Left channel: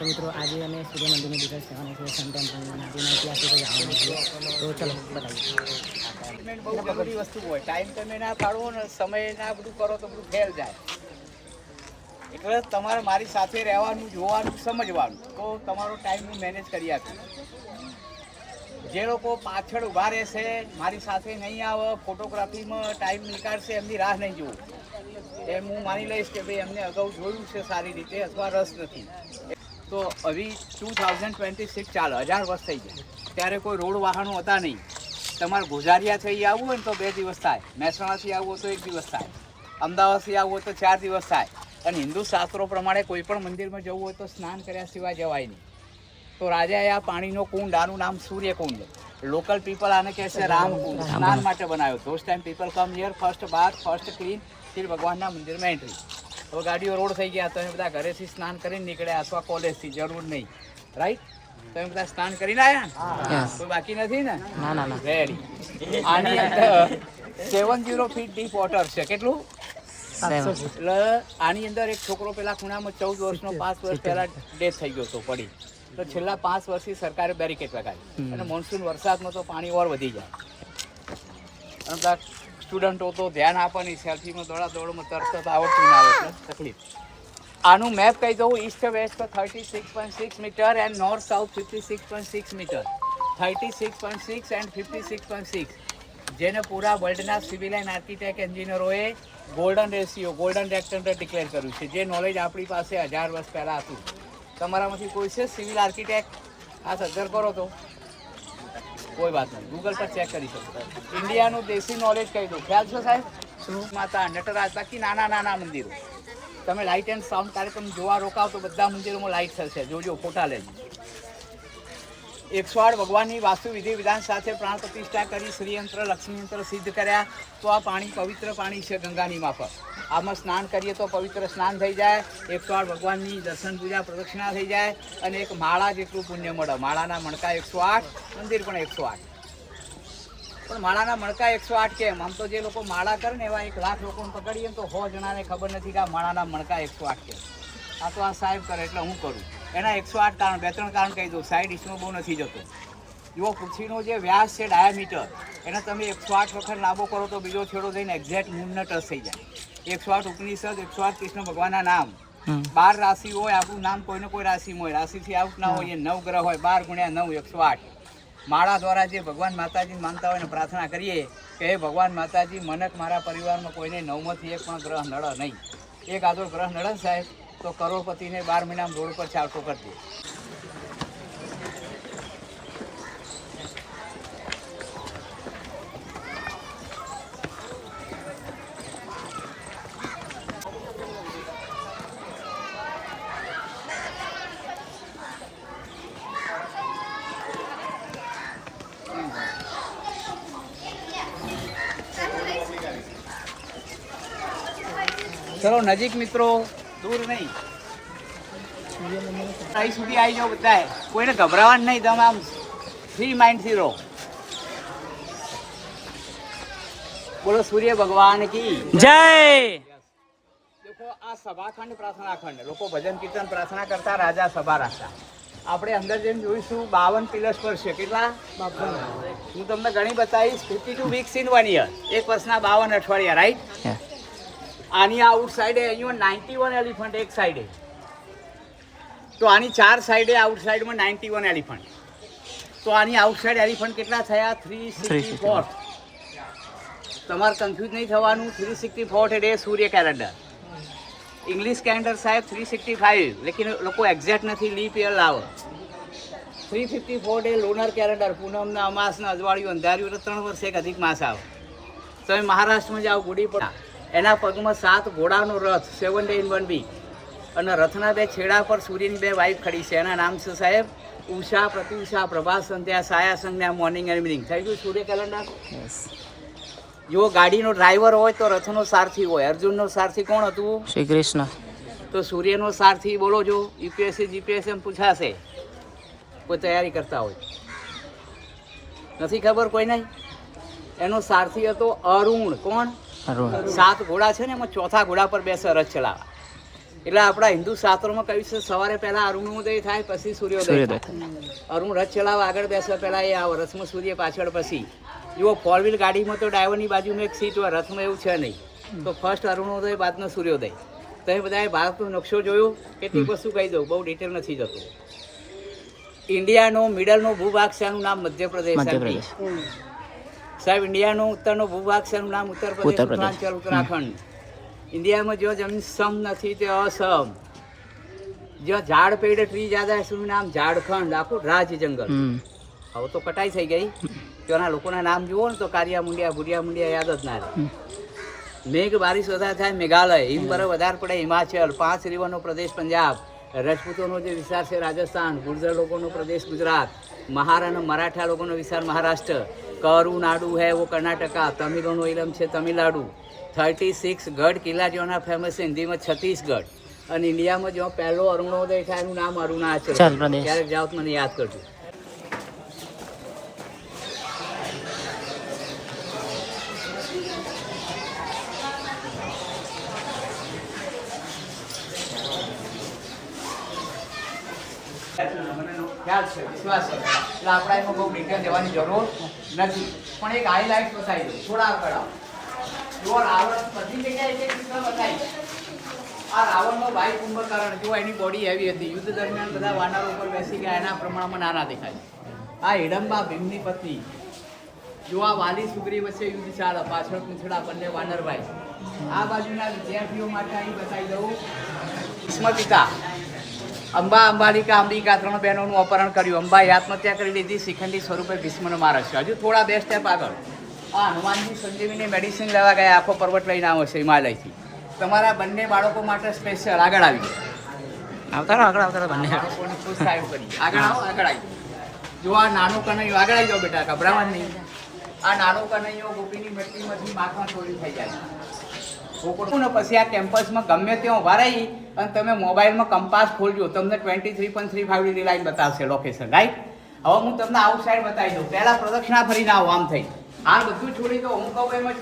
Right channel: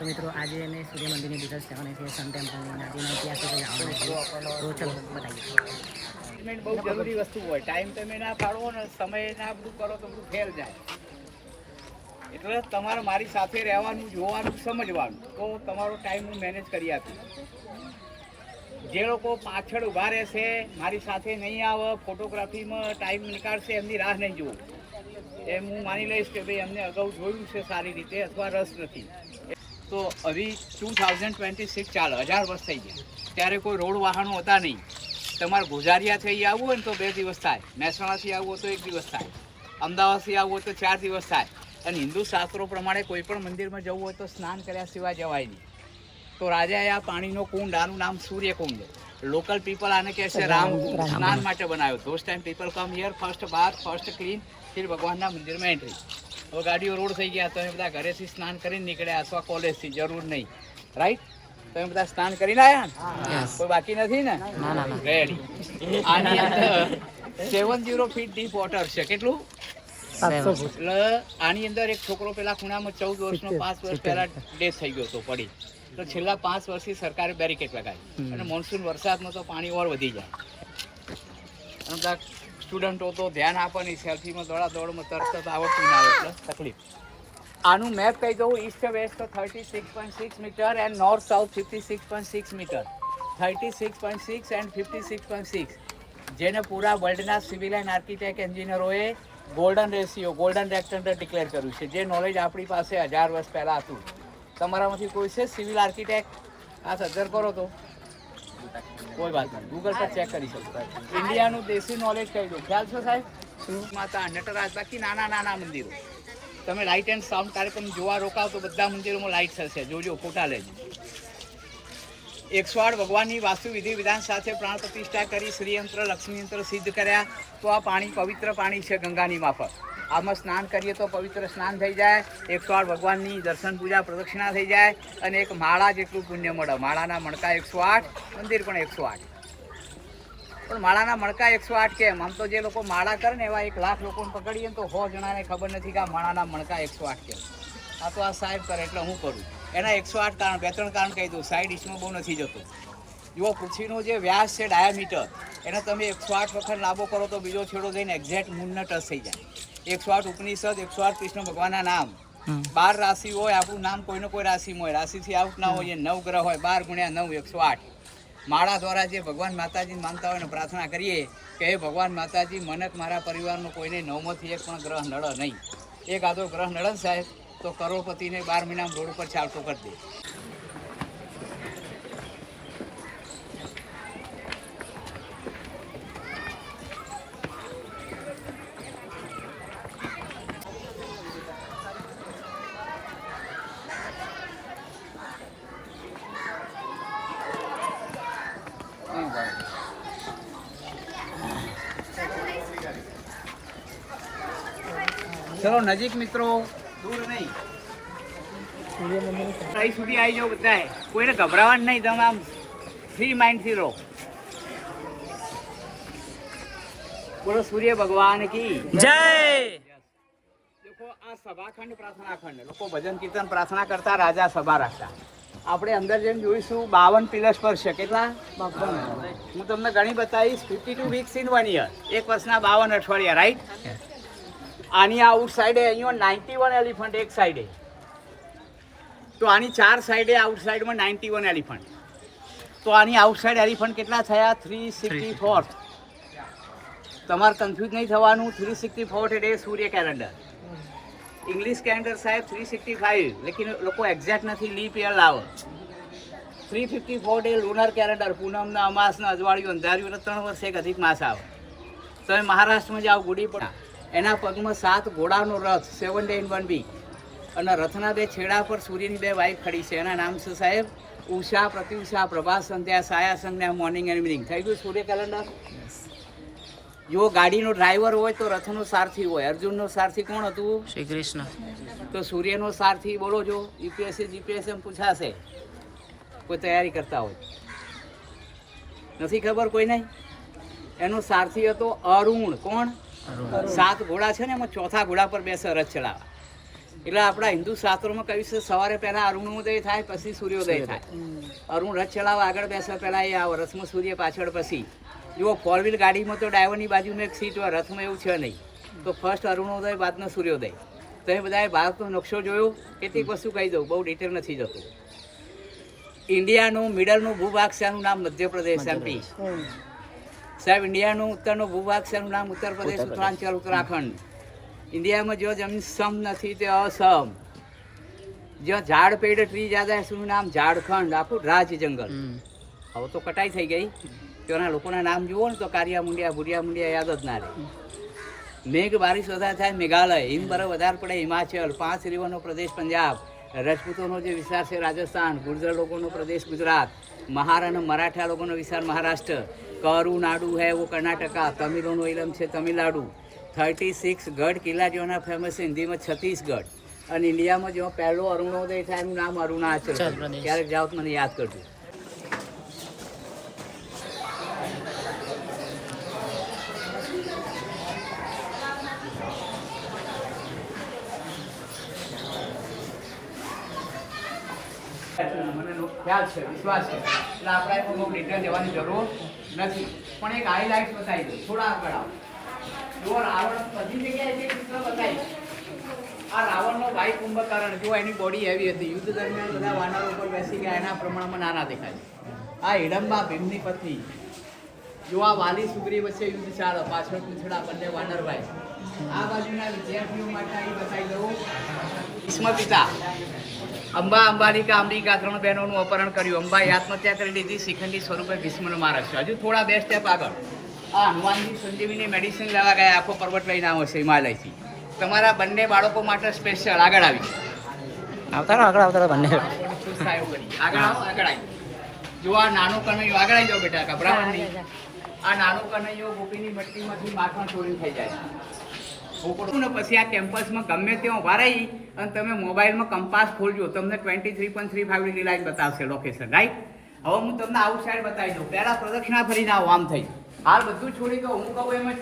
તો મિત્રો આજે અમે સૂર્ય મંદિરની ડિટેલ્સ કહેવાના છે, સન ટેમ્પલની આજુના ઇતિહાસિક જવાના છે. તો ચલો બતાવીએ. બહુ જરૂરી વસ્તુ હોય. ટાઈમ તમે ના પાડો ને સમય ના બધું કરો તો બધું ફેલ જાય. એટલે તમારે મારી સાથે રહેવાનું, જોવાનું, સમજવાનું, તો તમારો ટાઈમ હું મેનેજ કરી આપીશ. જે લોકો પાછળ ઊભા રહેશે, મારી સાથે નહીં આવે, ફોટોગ્રાફીમાં ટાઈમ નીકાળશે, એમની રાહ નહીં જોવું. એમ હું માની લઈશ કે ભાઈ એમને અગાઉ જોયું છે સારી રીતે અથવા રસ નથી. તો હજી 2026 ચાલે, 1000 વર્ષ થઈ ગયા. ત્યારે કોઈ રોડ વાહનો હતા નહીં. તમારે ગોઝારિયાથી આવવું હોય ને તો 2 દિવસ થાય, મહેસાણાથી આવવું હોય તો 1 દિવસ થાય, અમદાવાદથી આવવું હોય તો 4 દિવસ થાય. અને હિન્દુ શાસ્ત્રો પ્રમાણે કોઈ પણ મંદિરમાં જવું હોય તો સ્નાન કર્યા સિવાય જવાય નહીં. તો રાજાએ આ પાણીનો કુંડ, આનું નામ સૂર્યકુંડ, લોકલ પીપલ આને કહે છે રામકુંડ, સ્નાન માટે બનાવ્યો. Those time people come here, first bath, first clean, ફિર ભગવાનના મંદિરમાં એન્ટ્રી. હવે ગાડીઓ રોડ થઈ ગયા, તમે બધા ઘરેથી સ્નાન કરીને નીકળ્યા અથવા કોલેજથી, જરૂર નહીં, રાઈટ? તમે બધા સ્નાન કરીને આવ્યા ને? કોઈ બાકી નથી ને? રેડી. આની અંદર 70 ફીટ ડીપ વોટર છે. કેટલું? એટલે આની અંદર એક છોકરો પેલા ખૂણામાં 14 વર્ષનો 5 વર્ષ પહેલા ડેથ થઈ ગયો હતો પડી. તો છેલ્લા 5 વર્ષથી સરકારે બેરિકેડ લગાવી અને મોન્સૂન વરસાદમાં તો પાણી ઓર વધી જાય. અને સ્ટુડન્ટો તો ધ્યાન આપે નહીં, સેલ્ફીમાં દોડાદોડમાં તરત આવડતું ના આવે એટલે તકલીફ. આનું મેપ કહી દઉં, east west 36.6 metre and north south 56.6 metre. 36.6 and 56.6 જેને પૂરા વર્લ્ડના સિવિલ એન્ડ આર્કિટેક્ટ એન્જિનિયરોએ golden ratio, golden rectangle declare કર્યું છે. જે નોલેજ આપણી પાસે 1000 વર્ષ પહેલાં હતું. તમારામાંથી કોઈ છે સિવિલ આર્કિટેક્ટ? આ સજ્જર કરો તો કોઈ વાત નહીં, ગૂગલ પર ચેક કરી શકો. ઇન્ડિયાનું દેશી નોલેજ કહી દઉં. ખ્યાલ છે સાહેબ? માતા, નટરાજ, બાકી નાના નાના મંદિરો. તમે લાઇટ એન્ડ સાઉન્ડ કાર્યક્રમ જોવા રોકાવ તો બધા મંદિરોમાં લાઇટ થશે, જોજો, ફોટા લેજો. 108 ભગવાનની વાસ્તુ વિધિ વિધાન સાથે પ્રાણ પ્રતિષ્ઠા કરી, શ્રીયંત્ર, લક્ષ્મીયંત્ર સિદ્ધ કર્યા. તો આ પાણી પવિત્ર પાણી છે ગંગાની માફક. આમાં સ્નાન કરીએ તો પવિત્ર સ્નાન થઈ જાય, 108 ભગવાનની દર્શન પૂજા પ્રદક્ષિણા થઈ જાય અને એક માળા જેટલું પુણ્ય મળે. માળાના મણકા 108, મંદિર પણ 108. પણ માળાના મણકા 108 કેમ? આમ તો જે લોકો માળા કરે ને એવા 1 લાખ લોકોને પકડીએ ને તો 100 જણાને ખબર નથી કે આ માળાના મણકા 108 કેમ. આ તો આ સાહેબ કરે એટલે હું કરું. એના 108 કારણ, 2-3 કારણ કહી દઉં. સાઈડ ઈસ્ટમાં બહુ નથી જતું. જુઓ, પૃથ્વીનો જે વ્યાસ છે ડાયામીટર, એને તમે 108 વખત લાંબો કરો તો બીજો છેડો જઈને એક્ઝેક્ટ મૂનને ટચ થઈ જાય. 108 ઉપનિષદ, 108 કૃષ્ણ ભગવાનના નામ. 12 રાશિ હોય, આપણું નામ કોઈને કોઈ રાશિમાં હોય, રાશિથી આઉટ ના હોય. 9 ગ્રહ હોય, 12 ગુણ્યા 9, 108. માળા દ્વારા જે ભગવાન માતાજીને માનતા હોય ને પ્રાર્થના કરીએ કે હે ભગવાન માતાજી, મને મારા પરિવારમાં કોઈને 9માંથી 1 પણ ગ્રહ નડે નહીં. એક આદો ગ્રહ નડે સાહેબ તો કરોડપતિને 12 મહિનામાં રોડ પર ચાલતો કરી દે. ચલો નજીક મિત્રો, દૂર નહીં. અહીં સુધી આવી જાઓ બધાએ. કોઈને ગભરાવાનું નહીં, તમે આમ ફ્રી માઇન્ડથી રહો. બોલો સૂર્ય ભગવાન કી જય. દેખો, આ સભાખંડ, પ્રાર્થના ખંડ. લોકો ભજન કીર્તન પ્રાર્થના કરતા, રાજા સભા રાખતા. આપણે અંદર જઈને જોઈશું 52 પિલર્સ પર છે. કેટલા? હું તમને ઘણી બતાવીશ. 52 વીક્સ ઇન 1 યર. 1 વર્ષના 52 અઠવાડિયા, રાઈટ? આની આઉટ સાઈડે અહીંયા 91 એલિફન્ટ એક સાઈડે. તો આની 4 સાઈડે આઉટ સાઈડમાં 91 એલિફન્ટ. તો આની આઉટ સાઈડ એલિફન્ટ કેટલા થયા? 364. તમારે કન્ફ્યુઝ નહીં થવાનું. 364 એટલે સૂર્ય કેલેન્ડર. ઇંગ્લિશ કેલેન્ડર સાહેબ 365, લેકિન લોકો એક્ઝેક્ટ નથી, લીપ યર લાવે. 354 એ લુનર કેલેન્ડર. પૂનમના, અમાસના, અજવાળિયું, અંધારિયું એટલે 3 વર્ષે એક અધિક માસ આવે. તમે મહારાષ્ટ્રમાં જાઓ, ગુડી પડે, એના પગમાં 7 ઘોડાનો રથ, 7 day in 1 week. અને રથના 2 છેડા પર સૂર્યની 2 વાઇફ ખડી છે. એના નામ છે સાહેબ ઉષા, પ્રતિઉષા, પ્રભાત સંધ્યા, સાયા સંધ્યા, મોર્નિંગ એન્ડ ઇવનિંગ. થઈ ગયું સૂર્ય કેલેન્ડર. જો ગાડીનો ડ્રાઈવર હોય તો રથનો સારથી હોય. અર્જુનનો સારથી કોણ હતું? શ્રી કૃષ્ણ. તો સૂર્યનો સારથી બોલો જો. યુપીએસસી જીપીએસસી પૂછાશે, કોઈ તૈયારી કરતા હોય. નથી ખબર કોઈને? એનો સારથી હતો અરુણ. કોણ? 7 ઘોડા છે ને, એમાં ચોથા ઘોડા પર બેસે રથ ચલાવવા. એટલે આપણા હિન્દુ શાસ્ત્રોમાં કહ્યું છે સવારે પહેલા અરુણોદય થાય પછી સૂર્યોદય થાય. અરુણ રથ ચલાવવા આગળ બેસવા પહેલા એ આવે, રથમાં સૂર્ય પાછળ પછી. જુઓ ફોર વ્હીલ ગાડીમાં તો ડ્રાઈવરની બાજુમાં એક સીટ હોય, રથમાં એવું છે નહીં. તો ફર્સ્ટ અરુણોદય બાદનો સૂર્યોદય. તો એ બધાએ ભારતનો નકશો જોયું, કેટલીક વસ્તુ કહી દઉં, બહુ ડિટેલ નથી જતું. ઇન્ડિયાનો મિડલનો ભૂભાગ છે, એનું નામ મધ્યપ્રદેશ એમપી. સાહેબ ઇન્ડિયાનું ઉત્તરનો ભૂભાગ છે, એનું નામ ઉત્તર પ્રદેશ, ઉત્તરાંચલ, ઉત્તરાખંડ. ઇન્ડિયામાં જો જમીન સમ નથી તે અસમ. જો ઝાડ પેડ ટ્રી જ્યાદા છે એનું નામ ઝાડખંડ, આખું રાજ જંગલ. હવે તો કટાઈ થઈ ગઈ. ત્યાંના લોકોના નામ જુઓ ને તો કારિયા મુંડિયા, ભુરિયા મુંડિયા યાદ જ ના રહે. મેઘ બારિશ વધારે થાય મેઘાલય, હિમ બરફ વધારે પડે હિમાચલ, 5 રિવરનો પ્રદેશ પંજાબ, રજપૂતોનો જે વિસ્તાર છે રાજસ્થાન, ગુર્જર લોકોનો પ્રદેશ ગુજરાત, મહાર અને મરાઠા લોકોનો વિસ્તાર મહારાષ્ટ્ર, કરુનાડુ હે વો કર્ણાટકા, તમિલોનો ઇલમ છે તમિલનાડુ. 36 ગઢ કિલ્લા જેવાના ફેમસ છે હિન્દીમાં છત્તીસગઢ. અને ઇન્ડિયામાં જો પહેલો અરુણોદય થાય એનું નામ અરુણાચલ. ક્યારેક જાઓ તો મને યાદ કરજો. ખ્યાલ છે, વિશ્વાસ છે, એટલે આપણે એમાં બહુ ડિટેલ જવાની જરૂર નથી. પણ એક હાઈલાઇટ બતાવી દઉં, થોડા આગળ આવો. જો રાવણ બધી જગ્યાએ જે ચિત્ર બતાવી, આ રાવણનો ભાઈ કુંભકર્ણ, જો એની બોડી એવી હતી, યુદ્ધ દરમિયાન બધા વાનરો ઉપર બેસી ગયા, એના પ્રમાણમાં નાના દેખાય. આ હિડમ્બા ભીમની પત્ની. જો આ વાલી સુગ્રી વચ્ચે યુદ્ધ ચાલે, પાછળ પૂંછડા બંને વાનરભાઈ. આ બાજુના વિદ્યાર્થીઓ માટે અહીં બતાવી દઉં, ભીષ્મ પિતા. અંબા અંબાલિકા અંબિકા 3 બહેનોનું અપહરણ કર્યું. અંબાએ આત્મહત્યા કરી લીધી, શિખંડી સ્વરૂપે ભીષ્મને મારે છે. હજુ થોડા 2 સ્ટેપ આગળ આ હનુમાનજી સંજીવની મેડિસિન લેવા ગયા, આખો પર્વત લઈને આવો છે હિમાલયથી. તમારા બંને બાળકો માટે સ્પેશિયલ આગળ આવી આવતા બંને આગળ આવી. જો આ નાનો કનૈયો આગળ આવી જાઓ બેટા, ગભરાવાનું નહીં. આ નાનો કનૈયો ગોપીની મટકીમાંથી માખણ ચોરી થઈ જાય. પછી આ કેમ્પસમાં ગમે ત્યાં ઉભા રહી અને તમે મોબાઈલમાં કંપાસ ખોલજો, તમને 23.35 ડિગ્રી લાઈન બતાવશે લોકેશન, રાઈટ. હવે હું તમને આઉટ સાઈડ બતાવી દઉં. પહેલા પ્રદક્ષિણા ફરીને આવો, આમ થઈ. હાલ બધું છોડી દો, હું કહું એમ જ.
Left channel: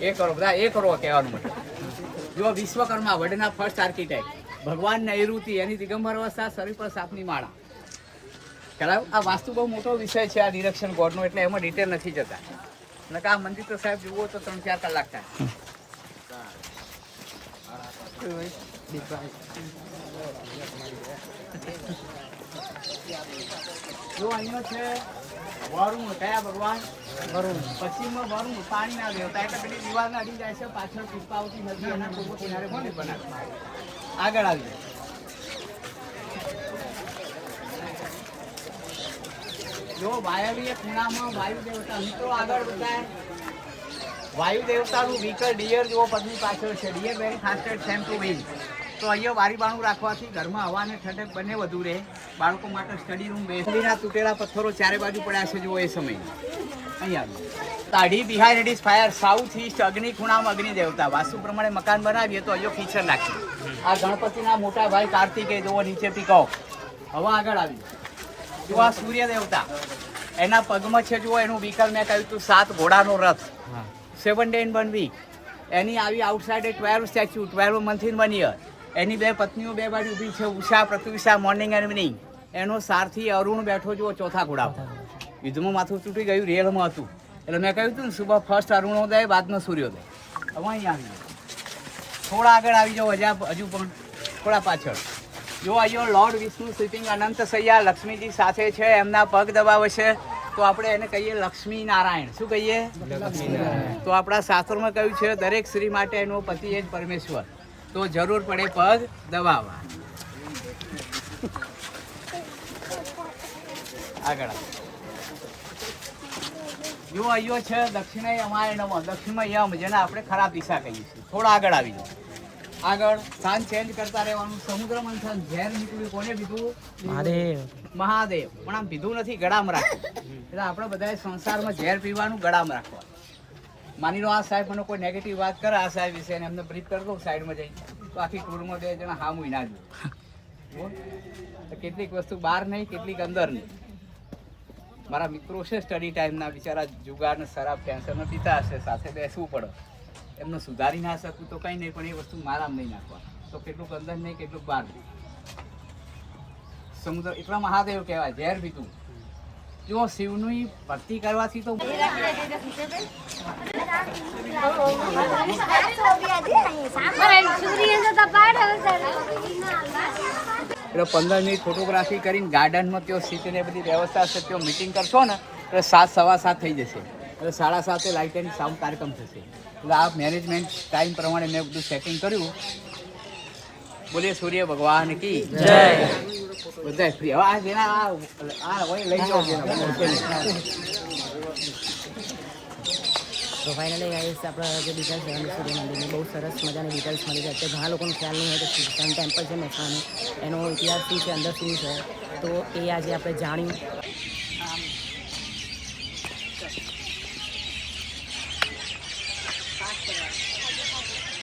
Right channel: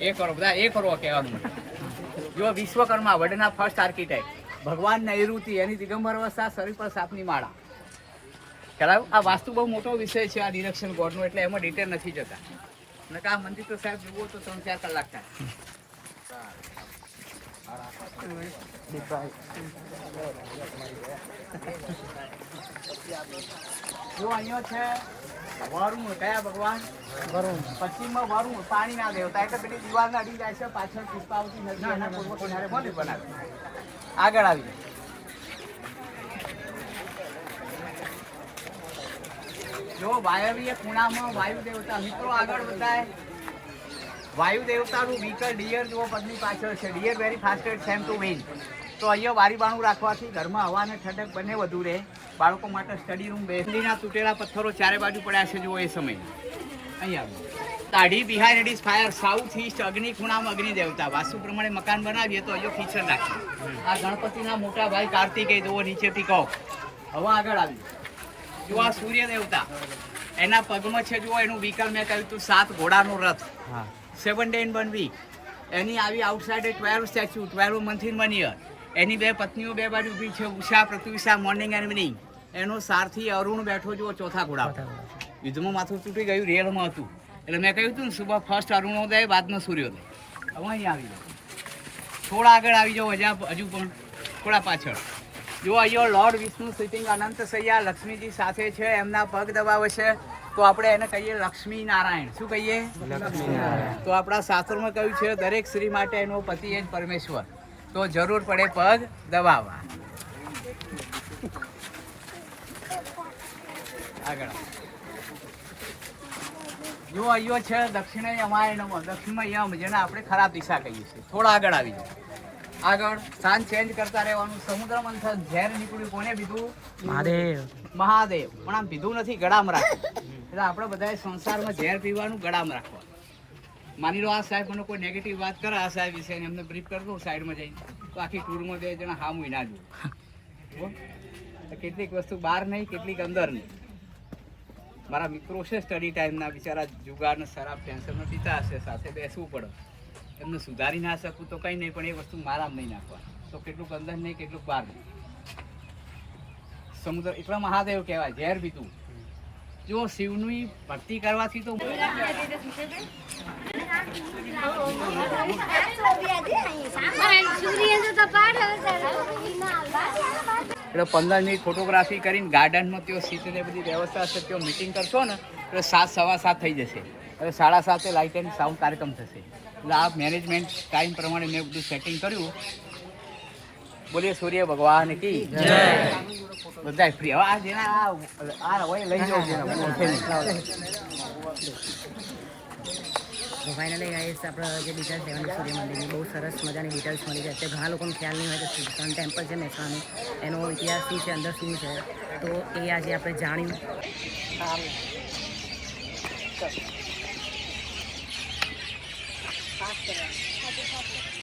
એ કરો બધા, એ કરો કહેવાનું મને. જો વિશ્વકર્મા વર્લ્ડના ફર્સ્ટ આર્કિટેક્ટ, ભગવાન નૈઋતિ, એની દિગંબર અવસ્થા, શરીર પર સાપની માળા. ખ્યાલ આ વાસ્તુ બહુ મોટો વિષય છે આ ડિરેક્શન ગોડનો, એટલે એમાં ડિટેલ નથી જતા. અને આ મંદિર તો સાહેબ જુઓ તો 3-4 કલાક થાય. જો અહીંયા છે વરુણ, કયા ભગવાન? પશ્ચિમમાં વરુણ, પાણીના દેવતા. એટલે પેલી દિવાલના અડી જાય છે, પાછળ પુષ્પાવતી નદી, એના પૂર્વ કિનારે મંદિર બનાવ્યું. આગળ આવી જો વાયવીય ખૂણામાં વાયુ દેવતા. મિત્રો આગળ બધાય વાયુ દેવતાનું વ્હીકલ ડિયર જેવો પગની પાછળ છે. Deer very fasted same to win. તો અહીંયા બારીબાણું રાખવાથી ઘરમાં હવાને ઠંડક બંને વધુ રહે. બાળકો માટે સ્ટડી રૂમ, બેસલીના તૂટેલા પથ્થરો ચારે બાજુ પડ્યા છે જુઓ એ સમયના. અહીંયા આવી તાઢી behind it is fire. South east અગ્નિ ખૂણામાં અગ્નિ દેવતા. વાસ્તુ પ્રમાણે મકાન બનાવીએ તો અહીંયા કિચન રાખીએ. આ ગણપતિના મોટા ભાઈ કાર્તિકેય જુઓ નીચેથી કહો. હવે આગળ આવી જો આ સૂર્ય દેવતા, એના પગમાં છે જુઓ એનું વ્હીકલ મેં કહ્યું હતું 7 ઘોડાનો રથ. 7 day in 1 week. એની આવી outside 12 statue, 12 month in 1 year. એની 2 પત્નીઓ 2 બાજુ ઊભી છે, Usha Pratyusha, morning and evening. એનો સારથી અરુણ બેઠો જુઓ ચોથા ઘોડા. યુદ્ધમાં માથું તૂટી ગયું, રિયલમાં હતું. એટલે મેં કહ્યું હતું ને સુબહ ફર્સ્ટ અરુણોદય બાદનો સૂર્યોદય. હવે અહીં આવી જાઓ, થોડા આગળ આવી જાઓ, હજુ પણ થોડા પાછળ. જો અહીંયા લોર્ડ વિષ્ણુ સિટિંગ અનંત સૈયા લક્ષ્મીજી સાથે છે, એમના પગ દબાવે છે. તો આપણે એને કહીએ લક્ષ્મી નારાયણ. શું કહીએ? લક્ષ્મી નારાયણ. તો આપણા શાસ્ત્રોમાં કહ્યું છે દરેક સ્ત્રી માટે એનો પતિ એ જ પરમેશ્વર. તો જરૂર પડે પગ દબાવવા. આગળ જો અહીંયા છે દક્ષિણે યમાય નમઃ, દક્ષિણમાં યમ, જેને આપણે ખરાબ દિશા કહીએ છીએ. થોડા આગળ આવી જાય. આગળ સ્થાન ચેન્જ કરતા રહેવાનું. સમુદ્ર મંથન, ઝેર નીકળ્યું, કોને પીધું? મહાદેવ. મહાદેવ. પણ આમ પીધું નથી, ગળામાં રાખ્યું. એટલે આપણે બધાએ સંસારમાં ઝેર પીવાનું, ગળામાં રાખવા. માની લો આ સાહેબ મને કોઈ નેગેટિવ વાત કરે આ સાહેબ વિશે અને એમને બ્રીફ કરી દઉં સાઈડમાં જઈ તો આખી ટૂરમાં 2 જણા હામું ના જુઓ. તો કેટલીક વસ્તુ બહાર નહીં, કેટલીક અંદર નહીં. મારા મિત્રો છે સ્ટડી ટાઈમના, બિચારા જુગાર ને શરાબ ટેન્શનમાં પીતા હશે, સાથે બેસવું પડે. એમને સુધારી ના શકું તો કંઈ નહીં, પણ એ વસ્તુ મારામાં નહીં નાખવા. તો કેટલુંક અંદર નહીં, કેટલુંક બહાર નહીં. સમુદ્ર એટલા મહાદેવ કહેવાય, ઝેર પીતું. જો શિવની ભક્તિ કરવાથી તો એટલે 15 મિનિટ ફોટોગ્રાફી કરીને ગાર્ડનમાં ત્યાં સીટની બધી વ્યવસ્થા છે, ત્યાં મિટિંગ કરશો ને તો 7, સવા 7 થઈ જશે. હવે 7:30 લાઇટ એન્ડ સાઉન્ડ કાર્યક્રમ થશે. એટલે આ મેનેજમેન્ટ ટાઈમ પ્રમાણે મેં બધું સેટિંગ કર્યું. બોલીએ સૂર્ય ભગવાન કી જય. બધા ફ્રી. હવે આ જેના આ હોય લઈ જાઓ. તો ફાઇનલી ગાઈસ આપણે જે ડિટેલ્સ લેવાની સૂર્ય મંદિરની બહુ સરસ મજાની ડિટેલ્સ મળી જાય. અત્યારે ઘણા લોકોને ખ્યાલ નહીં હોય કે સન ટેમ્પલ છે મહેસાણાનું, એનો ઇતિહાસ શું છે, અંદર શું છે, તો એ આજે આપણે જાણ્યું.